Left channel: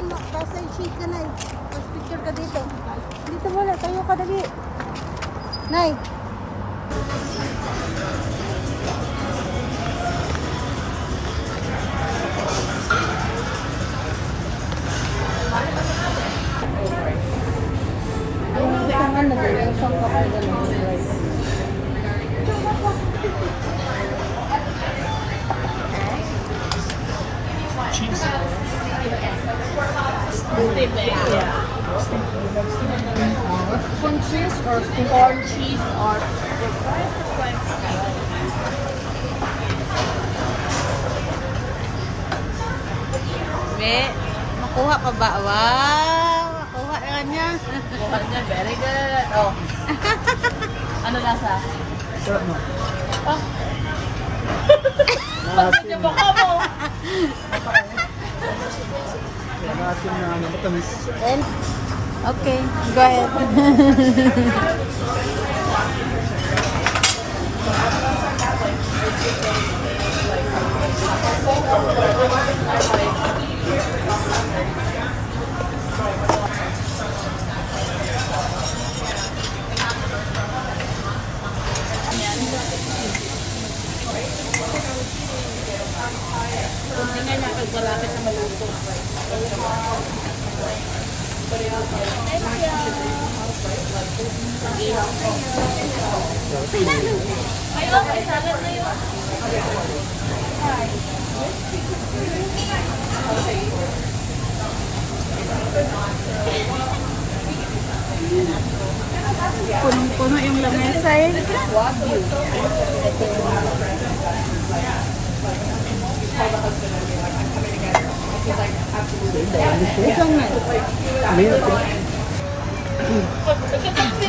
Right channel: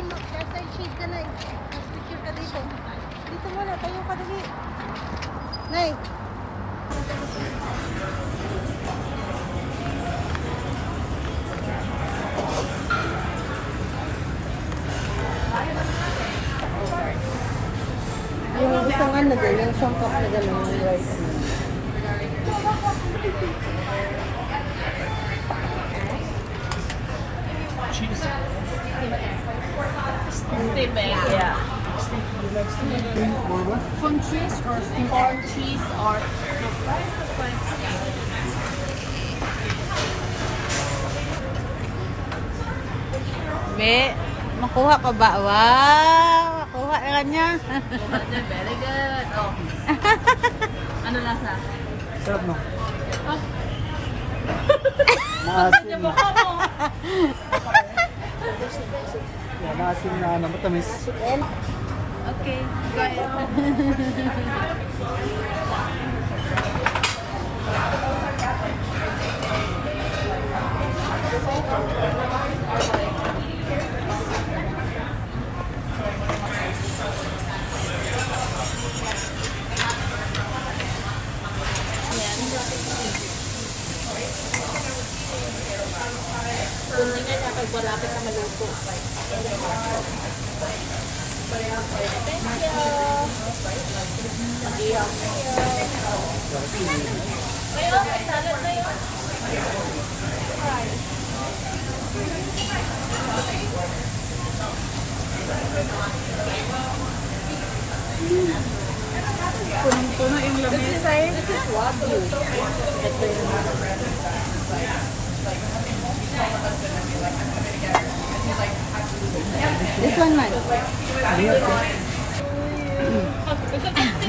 Nasa shade ka na eh. Tapos picture ka dito. Dito muna, tayo ka dali. Nay. Yung isang ano din, yung songkap na gano'n. Corn cheese or corn cheese or the price of corn Be, nakuha ka ba? Wow! Nakuha ka niya. Very good. Oh. Ano lasa? Sarap no? Oh. Maasim. Baka mo. Maasim na matamis. Okay, go ahead. Kunin na nakagwala ka na maluto. Kayo, may salad na yun. Punong-puno yung lamesa eh. Wagyu. Ano yan?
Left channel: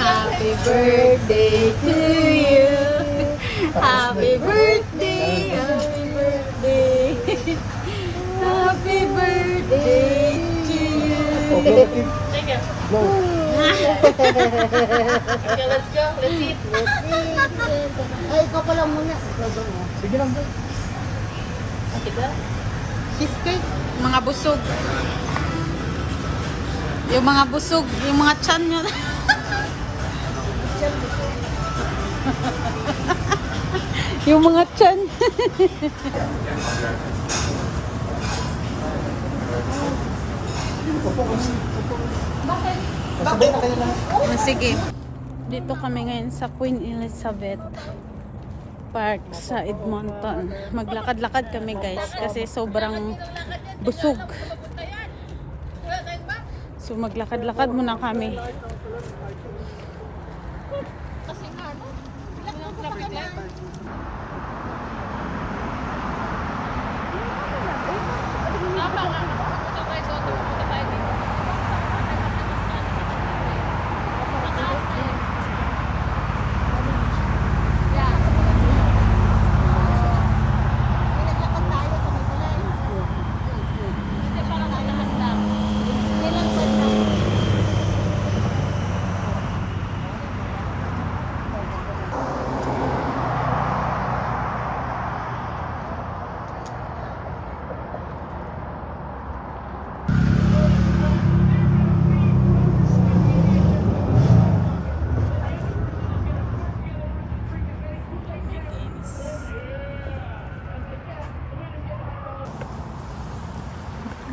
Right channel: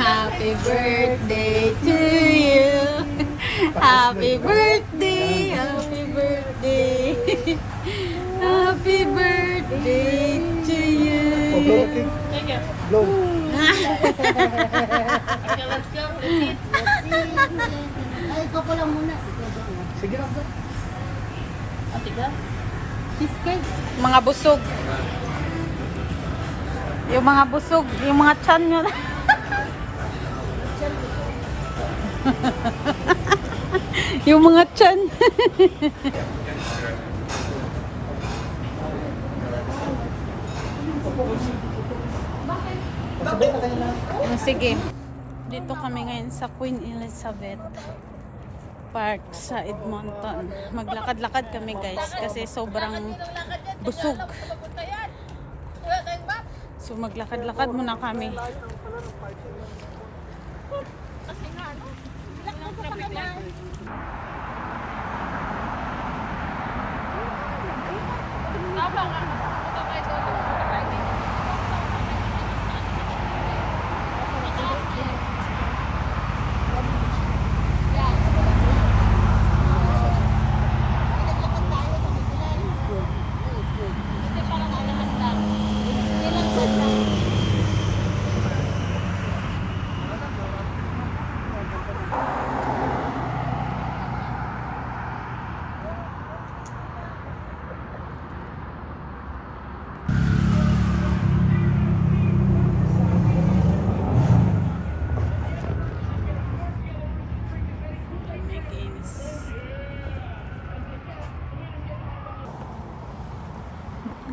Happy birthday to you. Happy birthday. Happy birthday. Happy birthday to you. Okay, okay. Thank you. Blow. Okay, let's go. Let's eat. Ay, ikaw pala muna. Sige lang bro. Ate ka? Cheesecake. Mga busog. Yung mga busog, yung mga chan nyo. Yung mga chan. Sige. Dito kami ngayon sa Queen Elizabeth Park sa Edmonton. Maglakad-lakad kami guys kasi sobrang busog. So maglakad-lakad muna kami.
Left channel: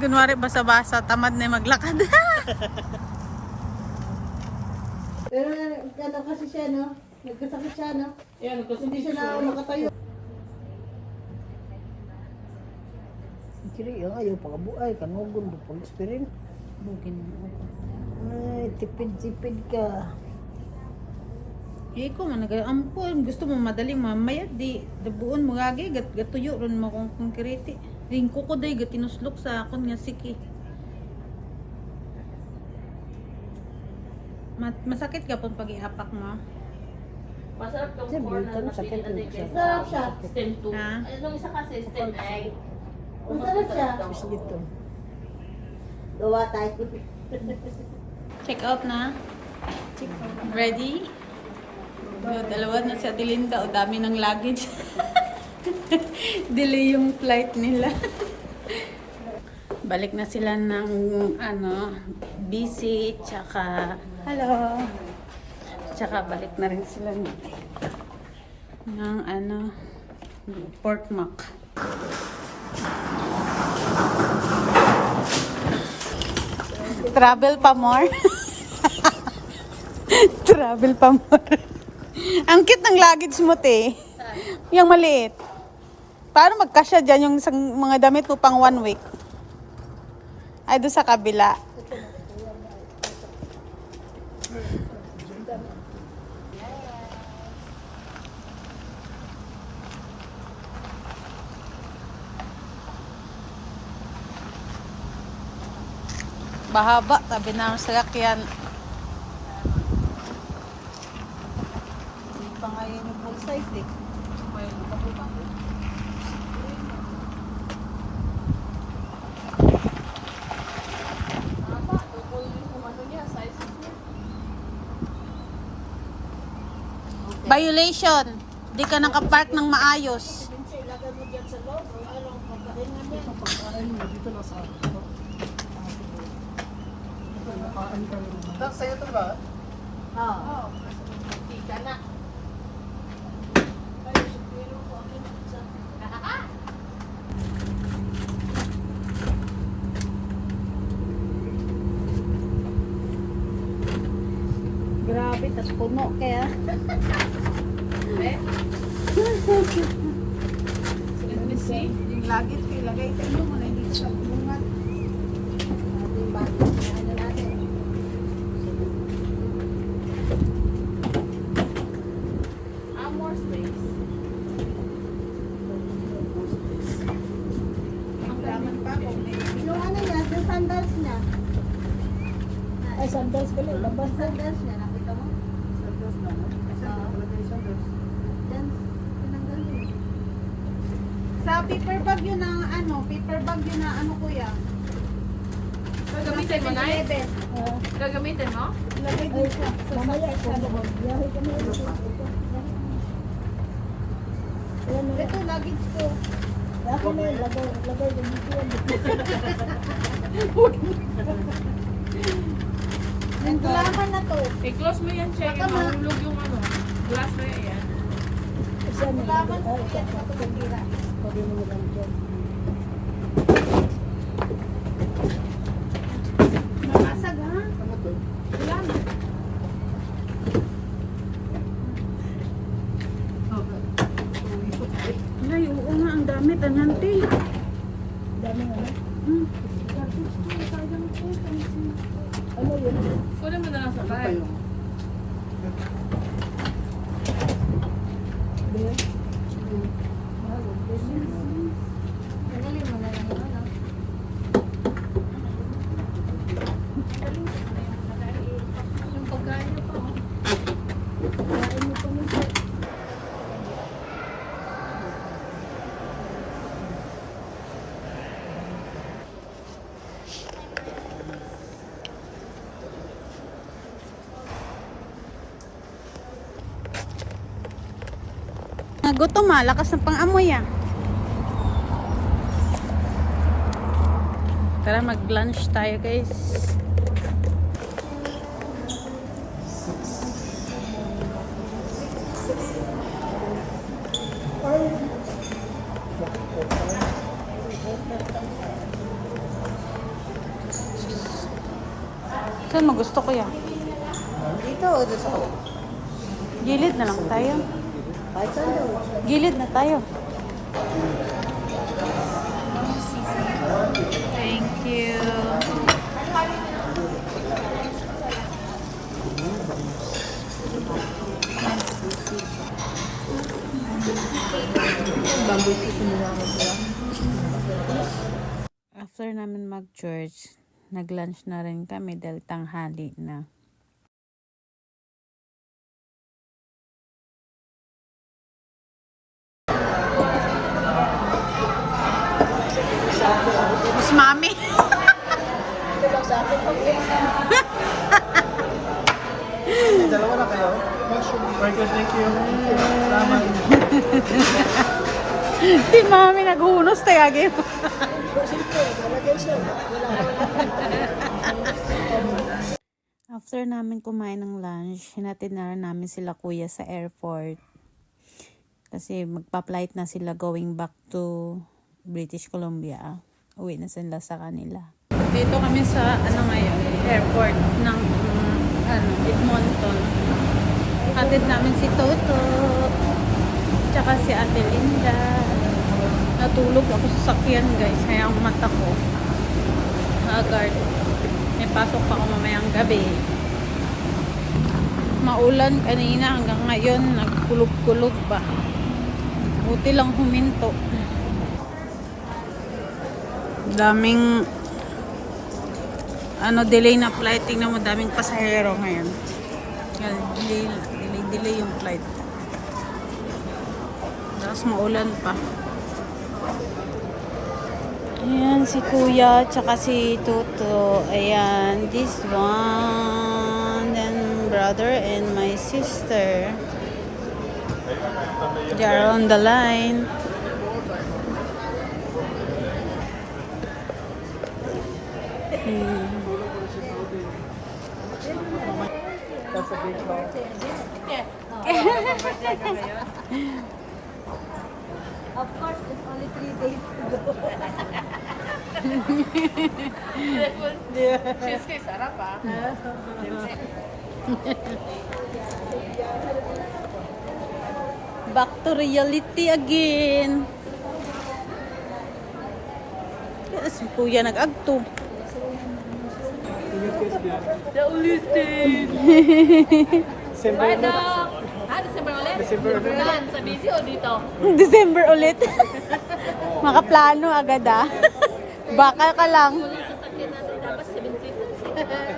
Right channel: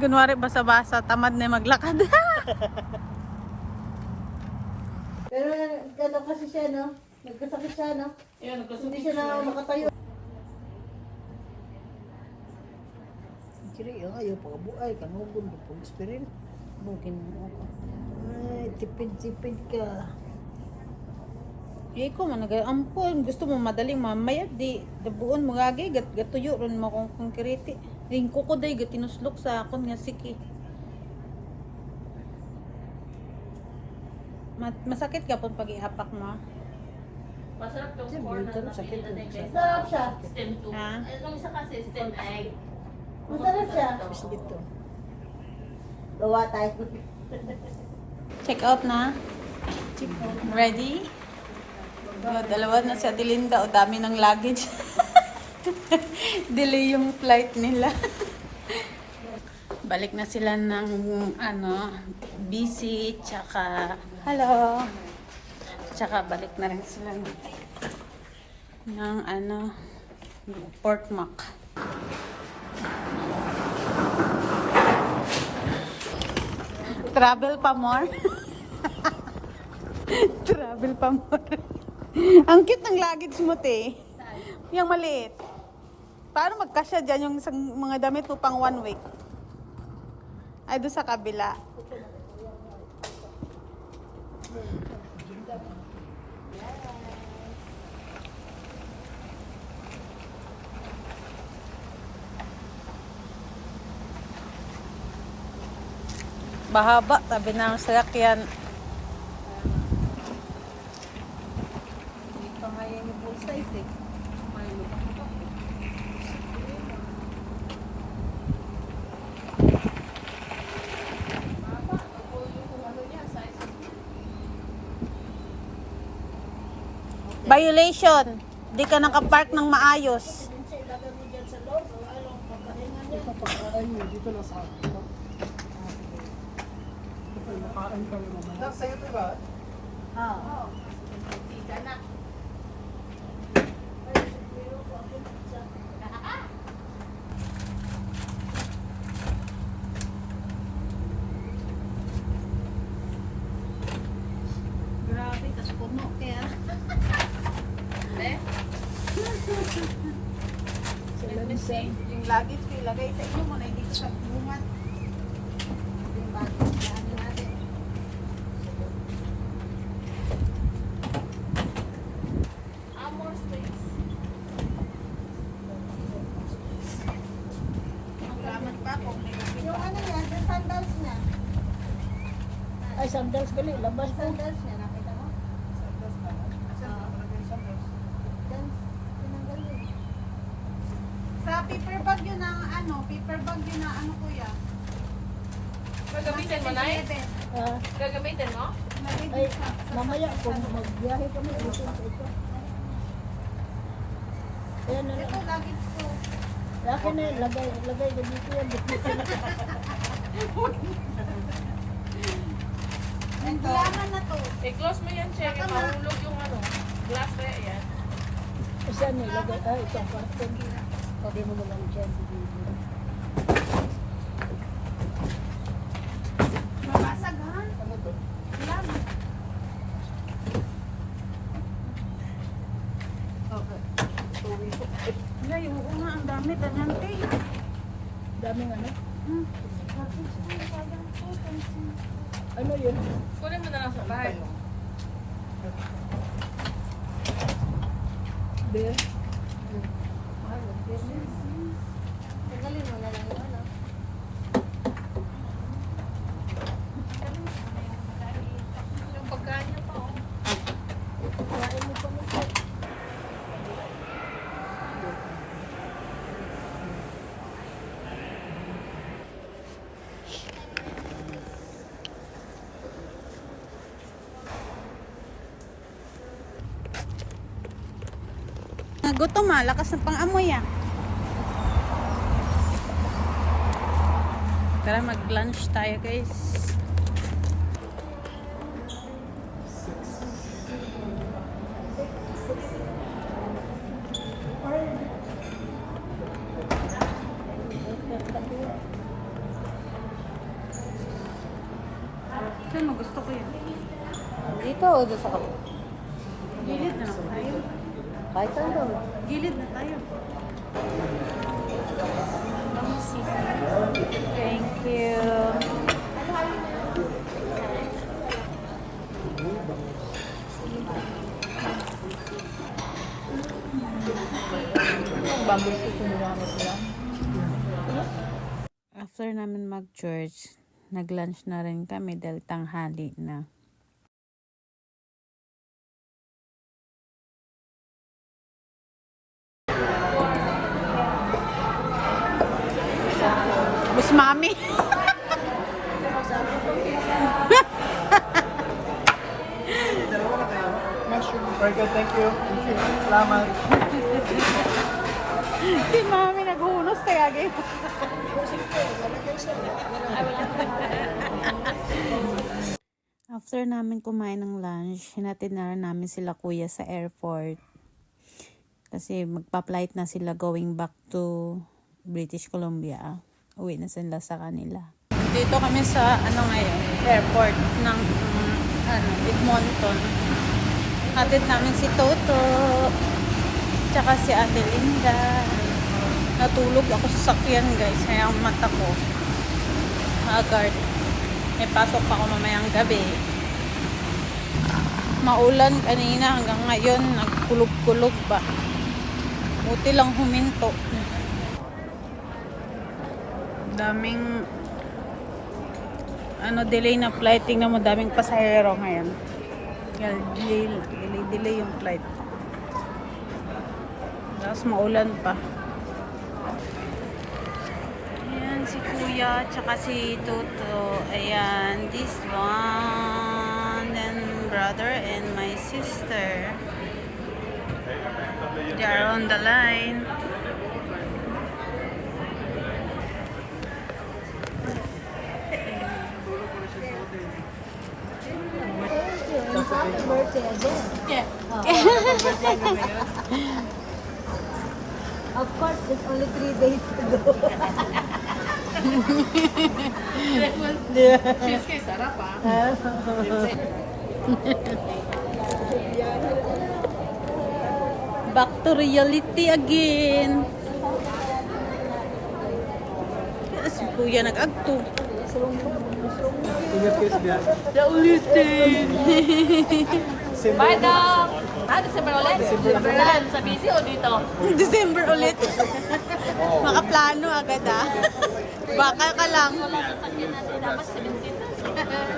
Kunwari basa-basa, tamad na maglakad. Pero gano'n kasi siya, no? Nagkasakit siya, no? Yan, Hindi siya na makatayo. Kiri, yung ayaw pakabuay. Kanugon, pag-experience. Bugin mo ako. Ay, tipid-tipid ka. Eh ko man nag-ampon, gusto mo madali mamaya di dabuon mo gagi gatuyo ron mo kung konkrete. Ring ko day gatinuslok sa akon nga siki. Masakit ka pag pag-ihapak mo. Masarap yung Siyempre, corn ito, na sakit napili yun siya. natin. Sarap siya. Stem 2. Ha? Anong isa kasi stem egg? Masarap siya. Tapos dito. Gawa tayo. Check out na. Ready? Dalawa na si Adelinda. O dami ng luggage. Delay yung flight nila. Balik na sila ng busy, tsaka hello. Tsaka balik na rin sila ng pork mac. Travel pa more. Travel pa more. Ang cute ng luggage mo, te. Yung maliit. Paano magkasya dyan yung isang mga damit mo pang 1 week? Ay, doon sa kabila. Bahaba, tabi na ang sasakyan. Hindi pa nga yun full size eh. Violation. Di ka nakapark ng maayos. Dito na sa nakaan kayo naman. Dok, sa'yo ito ba? Oo. Hindi ka na. Grabe, tas puno kaya. Yung luggage, may lagay. Ano mo na, hindi sa bumat. Yung baggage na ano natin. More space. Ang dami pa po. Yung ano niya, yung sandals niya. Ay, sandals ka lang. Labas na. Sandals niya, nakita mo? Sandals na. Saan ka talaga yung sandals? Yan, tinanggal yun. Sa paper bag yun ang paper bag yun na kuya. Gagamitin mo na eh? Ah, Gagamitin mo? ay, mamaya ko magbiyahe kami. Ayan na. Ito, luggage ko. Akin na, lagay dito yan. Ang kailangan na to. I-close mo yan, check. Tama. Mahulog yung glass na yan. Isa na lagay. Ay, isa pa. Pagkira. Sabi mo naman dyan. Mabasag ha? Ano to? Wala na. Ay, oo nga, ang dami. Tanyanti. Daming ano. Sayang ko. Ano yun? Kunin mo na lang sa bag. Hindi. Tanggalin mo na lang yun. no? Yung pagkain niyo po. Gutom lakas ng pang-amoy ah. Tara, mag-lunch tayo guys. Saan mo gusto ko yan? Dito o dito sa kapit? Gilid na lang tayo. Kahit saan daw. Gilid na tayo. Thank you. After namin mag-church, nag-lunch na rin kami dahil tanghali na. Mas mami. Dalawa na kayo? Very good, thank you. Salamat. Si mami naghunos Kamusta yagi? After namin kumain ng lunch, hinatid na rin namin sila kuya sa airport. Kasi magpa-flight na sila going back to British Columbia. Uwi na sila sa kanila. Dito kami sa ngayon, airport ng Edmonton. Hatid namin si Toto. Tsaka si Ate Linda. Natulog ako sa sakyan guys. Kaya ang mata ko haggard. May pasok pa ako mamayang gabi. Maulan kanina hanggang ngayon. Nagkulog-kulog ba. Buti lang huminto. Daming delay na flight. Tingnan mo, daming pasahero ngayon. Delay yung flight. Tapos maulan pa. Ayan si Kuya, tsaka si Toto. Ayan, this one. Then brother and my sister. They are on the line. Of course, it's only 3 days ago. Cheesecake sarap ah. Back to reality again. Si Kuya nag-agto. Ingat kayo sa biyahe. Naulitin. Bye, Doc. December ulit? December ulit. Saan? Sa busy o dito? December ulit. Makaplano agad ah. Baka ka lang. Wala sa sakyan natin. Dapat 7 seats.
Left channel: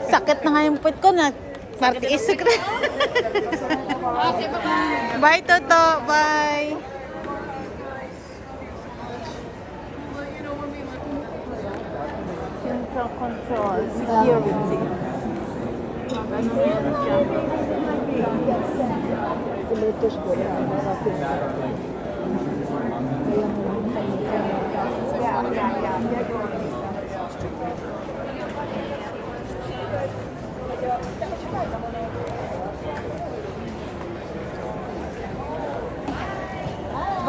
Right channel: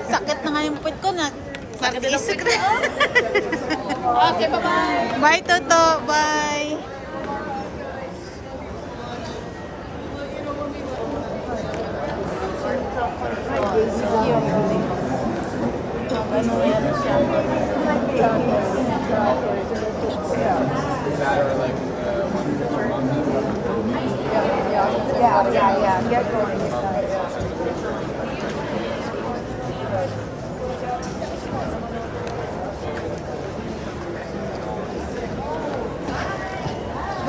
Sakit na nga yung put ko na. Sakit. Okay, bye-bye. Bye, Toto. Bye. Central control. Security. Ano na yan siya.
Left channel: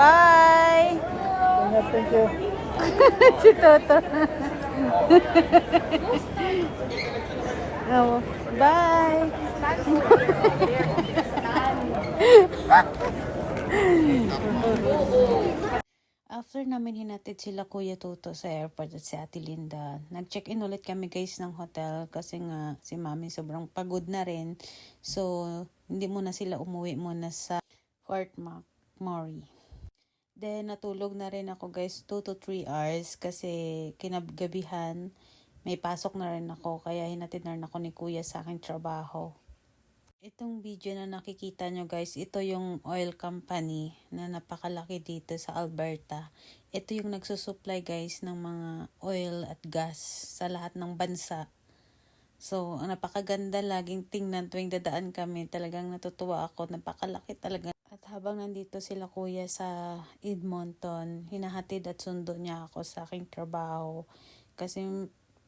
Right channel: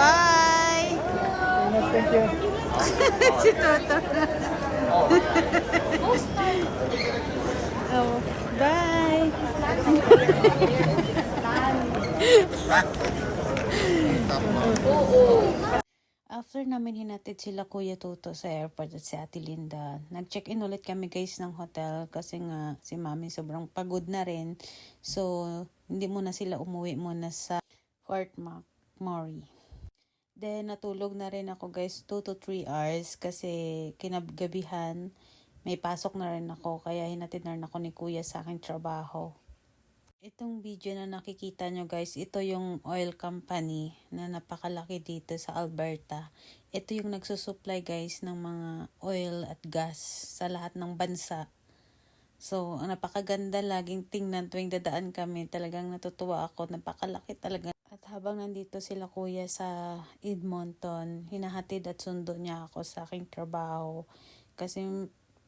Bye! Ingat, thank you. Si Toto. Oh, bye! After namin hinatid sila Kuya Toto sa airport at si Ate Linda, nag-check-in ulit kami guys ng hotel kasi nga si Mami sobrang pagod na rin. So, hindi muna sila umuwi muna sa Fort McMurray. Then, natulog na rin ako guys 2 to 3 hours kasi kinagabihan may pasok na rin ako kaya hinatid na rin ako ni Kuya sa aking trabaho. Itong video na nakikita nyo guys, ito yung oil company na napakalaki dito sa Alberta. Ito yung nagsusupply guys ng mga oil at gas sa lahat ng bansa. So, ang napakaganda laging tingnan tuwing dadaan kami. Talagang natutuwa ako, napakalaki talaga. At habang nandito sila Kuya sa Edmonton, hinahatid at sundo niya ako sa aking trabaho. Kasi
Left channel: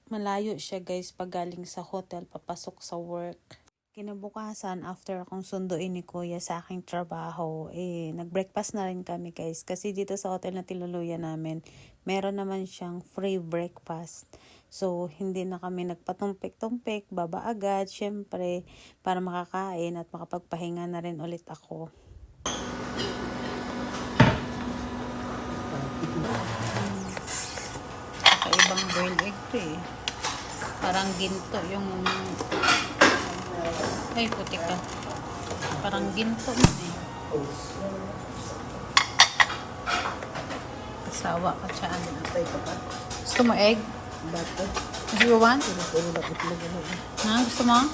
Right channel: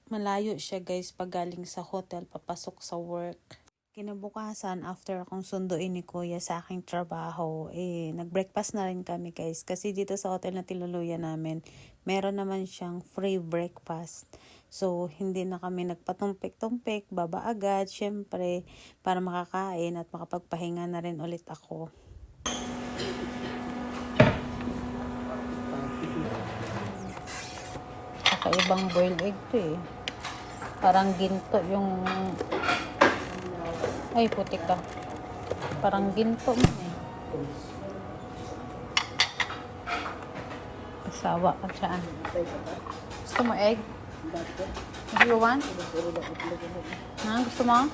malayo siya guys pag galing sa hotel papasok sa work. Kinabukasan, after akong sunduin ni Kuya sa aking trabaho, nag-breakfast na rin kami guys. Kasi dito sa hotel na tinuluyan namin, meron naman siyang free breakfast. So, hindi na kami nagpatumpik-tumpik, baba agad, syempre, para makakain at makapagpahinga na rin ulit ako. Kakaibang boiled egg to eh. Parang ginto yung... Ay, putik ka. Parang ginto mo eh. Kasawa ka dyan. Gusto mo egg? Do you want? Ha? Gusto mo?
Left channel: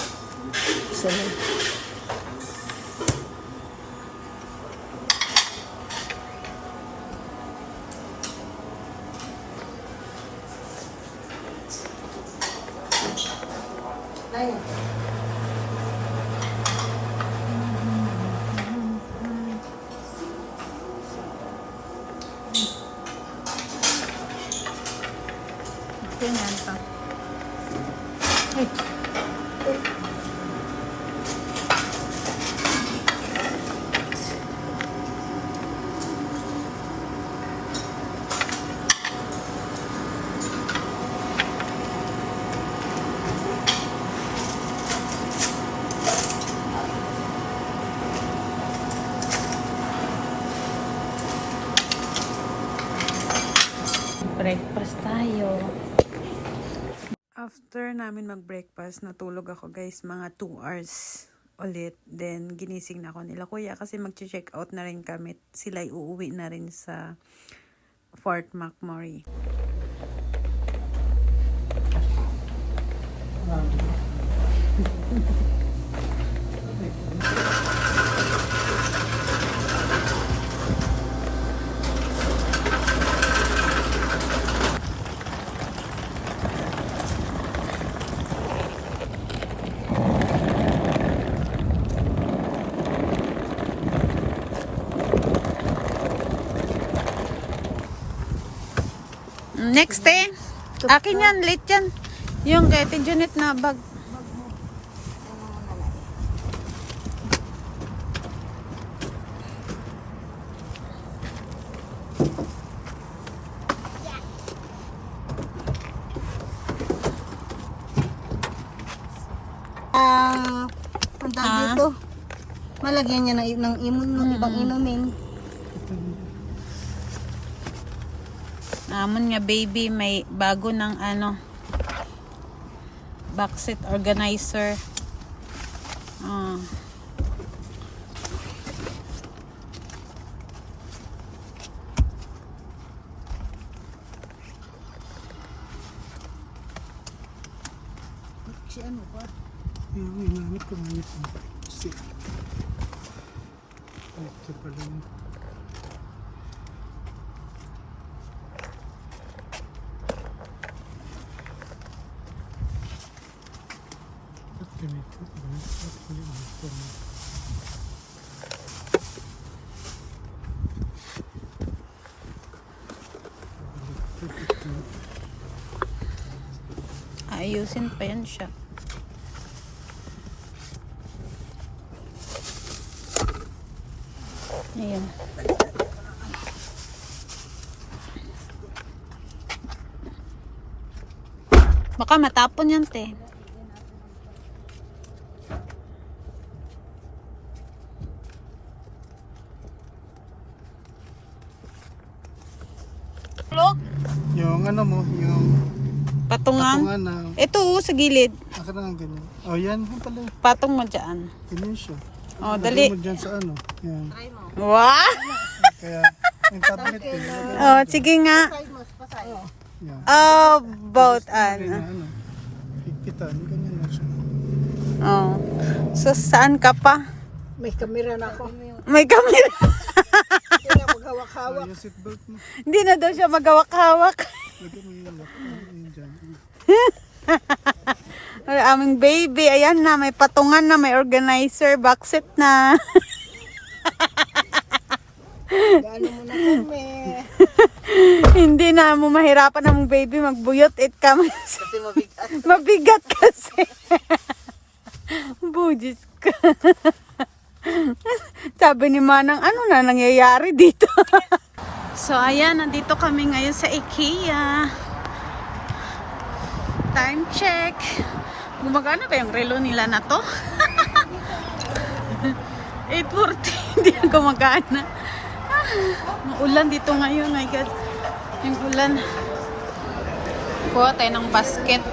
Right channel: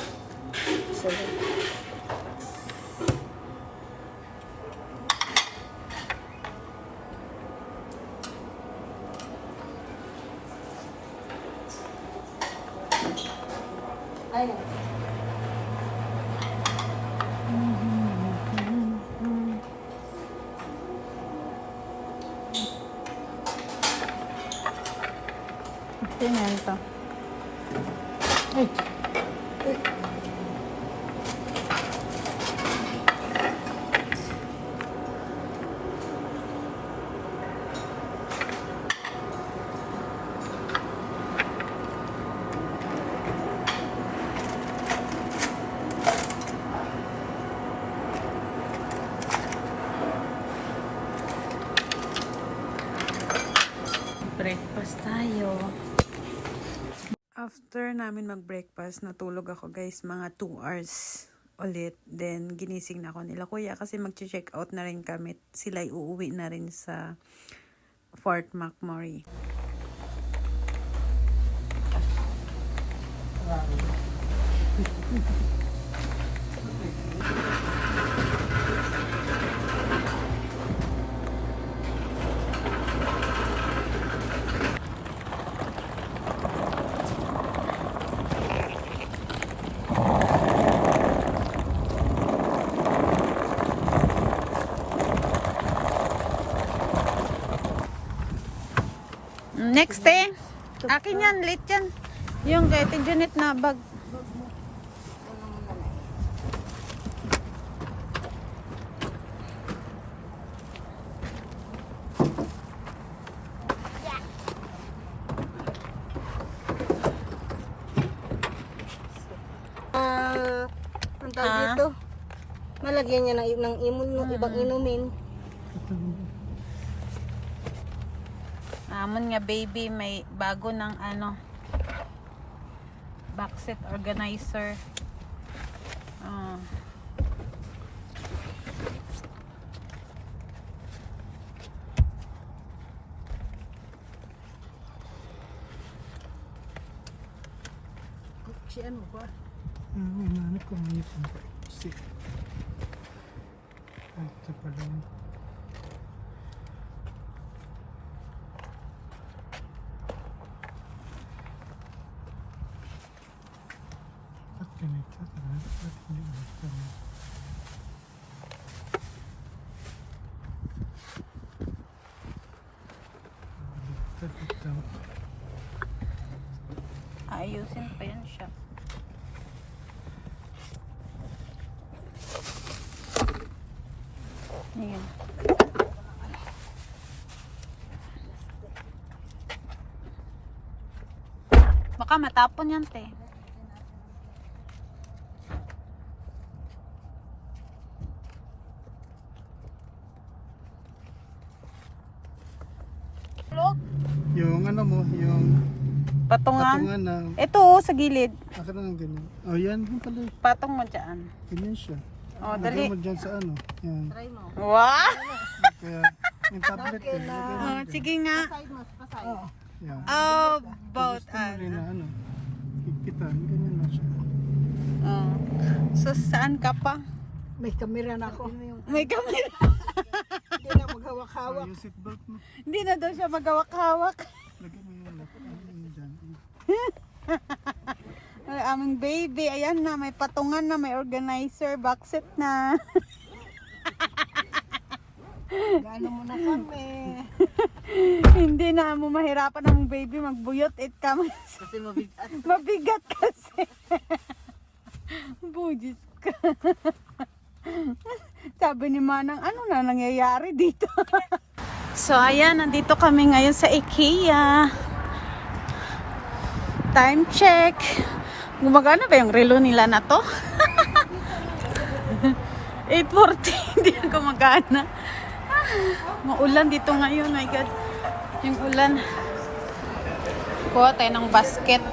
Ay. Ganyan to. Breakfast tayo. After namin mag-breakfast, natulog ako guys mga 2 hours ulit. Then ginising na ako nila kuya kasi mag-check out na rin kami. Sila uuwi na rin sa Fort McMurray. Next eh. Akin yan, late yan. Yung kay Ate Janet na bag. Ang tawag dito. Malagyan niya ng imun yung ibang inumin. Amon nga baby, may bago ng ano, backseat organizer. Si ano pa? Yung inanap ko ngayon ito. Si. Ay, ito pala yun. Ba't ganito? Ba't hindi ganito? Ayusin pa yan siya. Ayan. Baka matapon yan, te. Yung ano mo, yung Patungan. patungan na, Ito, oh, sa gilid. akin na ng ganyan. Oh, yan, yan pala. Patong mo dyan. Ganyan siya. Oh, Lagay dali. mo dyan sa ano. Yan. Wow! Kaya, yung tablet ko. Lagay mo Oh, dyan. sige nga. Yan. Oh, both Rin ano. na ano. Higpitan, ganyan na siya. Oh. So, saan ka pa? May kamera na ako. May camera. Hindi na maghawak-hawak. Yung seatbelt mo. Hindi na daw siya magawak-hawak. Lagay mo yung lock. Ano yun dyan? Ang aming baby, ayan na, may patungan na, may organizer, backseat na. Gaano mo na kami. Hindi na mo mahirapan ang baby magbuyot it kami. Kasi mabigat. Mabigat kasi. Bujis ka. Sabi ni Manang, ano na nangyayari dito? So ayan, nandito kami ngayon sa IKEA. Time check. Gumagana ba yung relo nila na to? 8:40, hindi na gumagana. Maulan dito ngayon, my God. Yung ulan. Kuha tayo ng basket.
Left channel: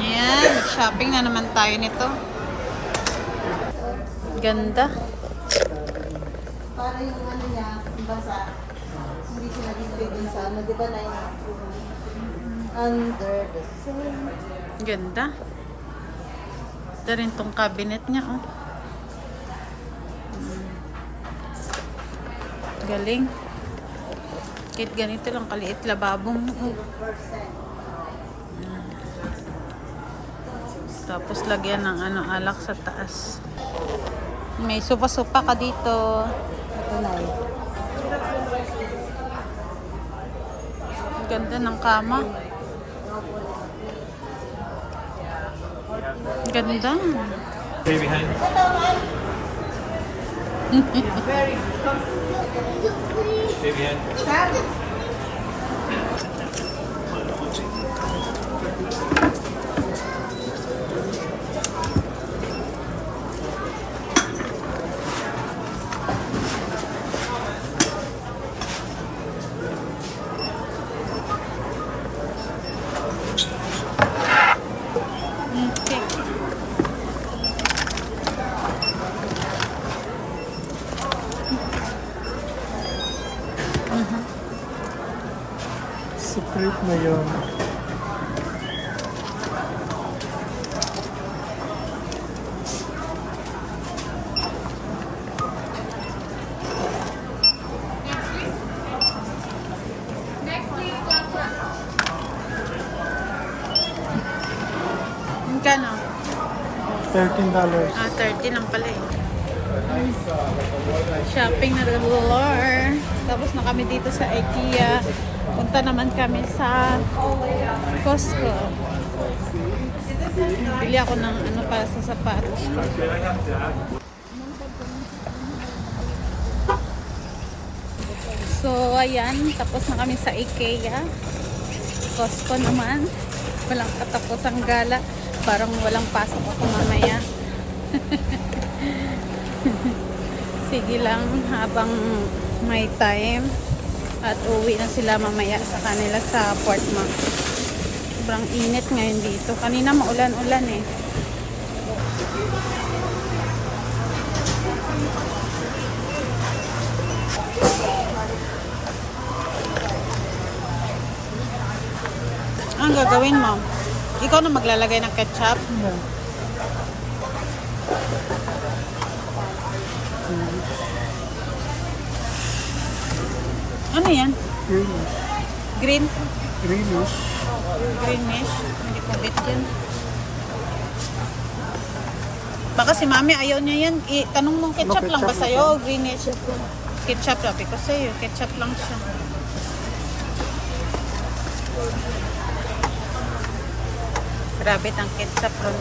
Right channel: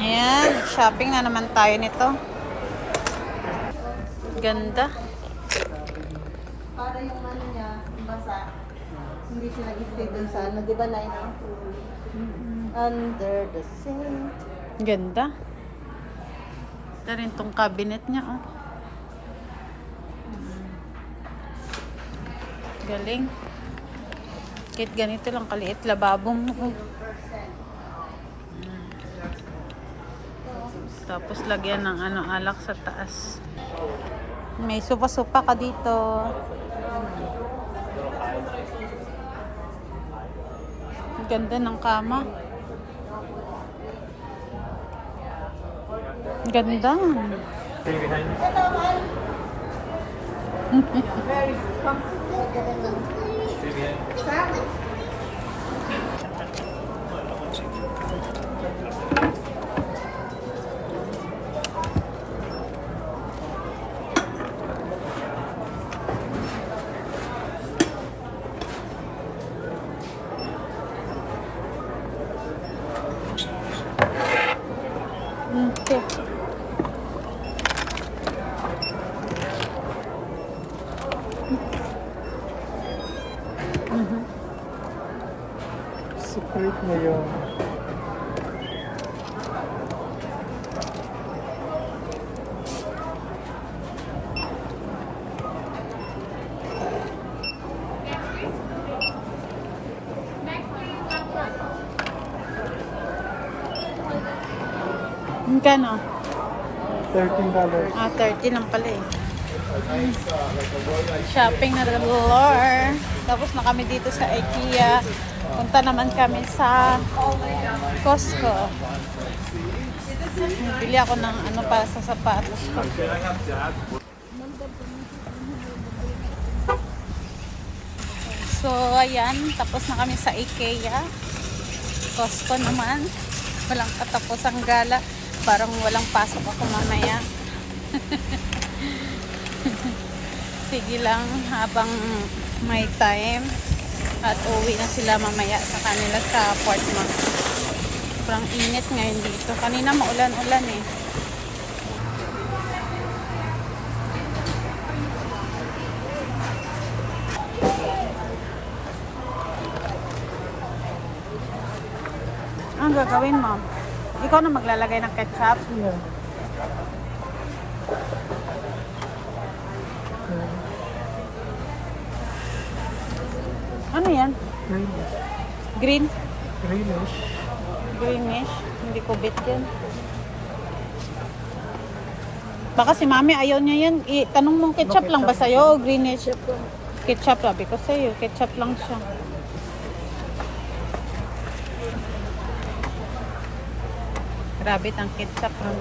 Ayan, shopping na naman tayo nito. Ganda. Para yung ano niya, yung basa. Hindi sila display dun sa ano. Di ba na under the sea. Ganda. Ito rin tong cabinet niya, oh. Galing. Kahit ganito lang kaliit lababong, oh. Tapos lagyan ng ano, alak sa taas. May supa-supa ka dito. Ito na eh. Ganda ng kama. Ganda. Okay. Secret na yun. Magkano? $13. Ah, 30 lang pala eh. Shopping na galore. Tapos na kami dito sa IKEA. Punta naman kami sa Costco. Bili ako ng ano para sa sapatos ko. So, ayan. Tapos na kami sa IKEA. Costco naman. Walang katapusang gala. Parang walang pasok ako mamaya. Sige lang habang may time. At uwi na sila mamaya sa kanila sa Portmont. Sobrang init ngayon dito. Kanina maulan-ulan eh. Ang gagawin mo? Ikaw na maglalagay ng ketchup? Yeah. Ano yan? Greenish. Green? Greenish. Greenish? Hindi ko bet yan. Baka si mami ayaw niya yan. Tanong mong ketchup Ano, lang ba ketchup sa'yo o greenish? Ketchup sabi ko sa'yo. Ketchup lang siya. Grabe ang ketchup ron.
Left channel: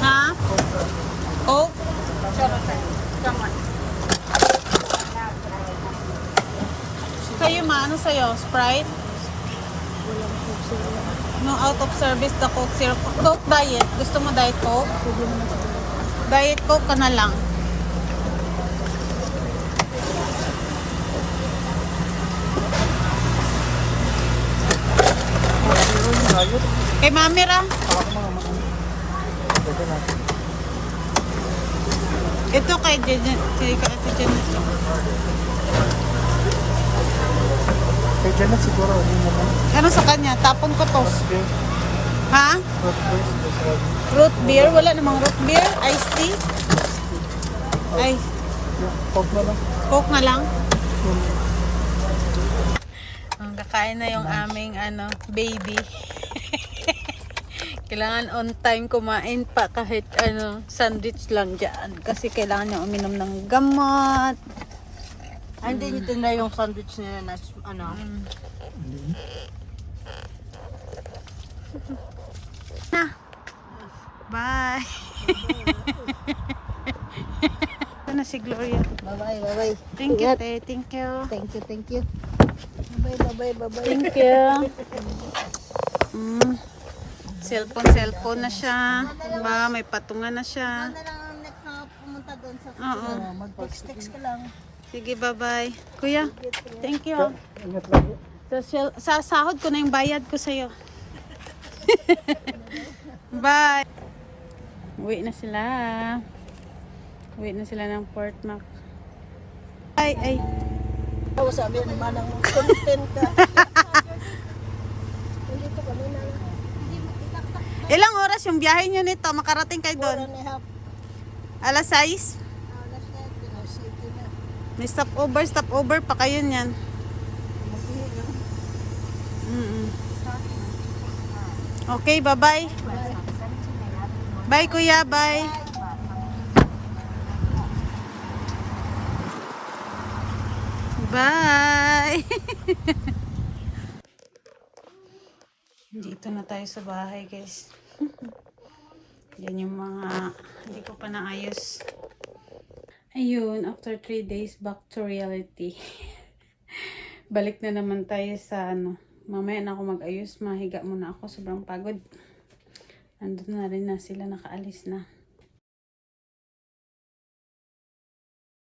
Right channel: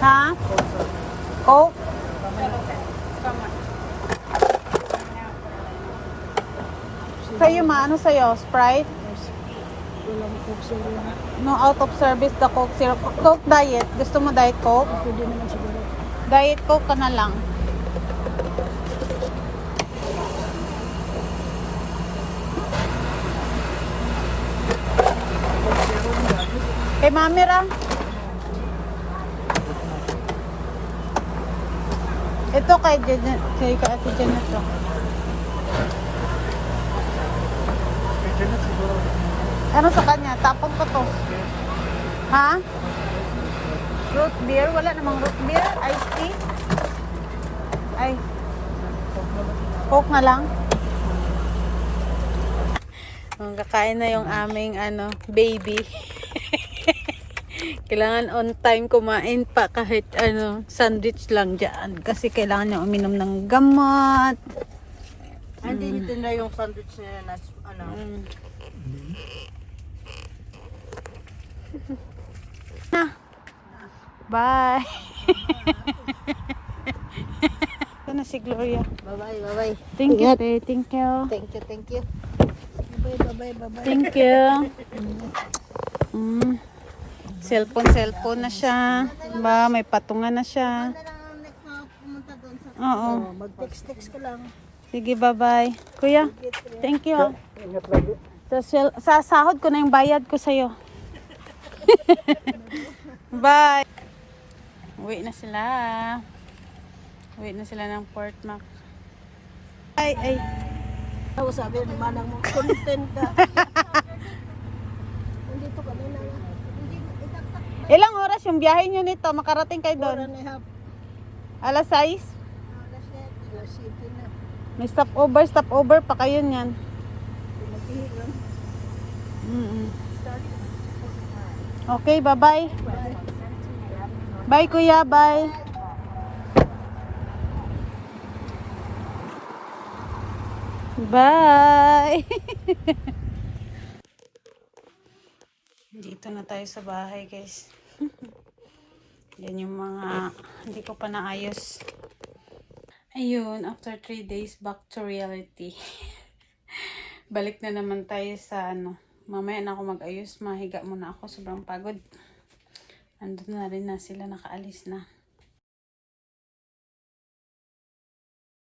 Ha? Coke? Kayo maano sa'yo? Sprite? No, out of service the Coke Zero. Coke Diet. Gusto mo Diet Coke? Diet Coke ka na lang. Kay Mami ra. Ito kay Ate Janet lang. Kaya dyan lang siguro. Ano sa kanya? Tapon ko to. Ha? Root beer? Wala namang root beer? Iced tea? Ay, Coke na lang. Coke na lang? Kakain na yung aming baby. Kailangan on time kumain pa kahit sandwich lang dyan. Kasi kailangan niya uminom ng gamot. Hindi nito na yung sandwich nila na Na. Bye. Ito na si Gloria. Bye-bye, bye-bye. Thank you, te. Thank you. Thank you, thank you. Bye-bye, bye-bye. Thank you. Cellphone na siya. Diba? May patungan na siya. Ano lang ang next na pumunta doon sa Oo. mag-text ka lang. Sige, bye-bye. Kuya, thank you. Sa sahod ko na yung bayad ko sa'yo. Bye. Uwi na sila. Uwi na sila ng Port Mac. Ay. Tapos sabi ni Manang mo, content ka. Ilang oras yung biyahe nyo nito? Makarating kayo doon? Alas 6? May stopover pa kayo niyan. Okay, bye-bye. Bye, kuya, bye. Bye! Dito na tayo sa bahay, guys. Yan yung mga hindi ko pa naayos. Ayun, after 3 days, back to reality. Balik na naman tayo sa mamaya na ako mag-ayos. Mahiga muna ako. Sobrang pagod. Andun na rin na sila, nakaalis na.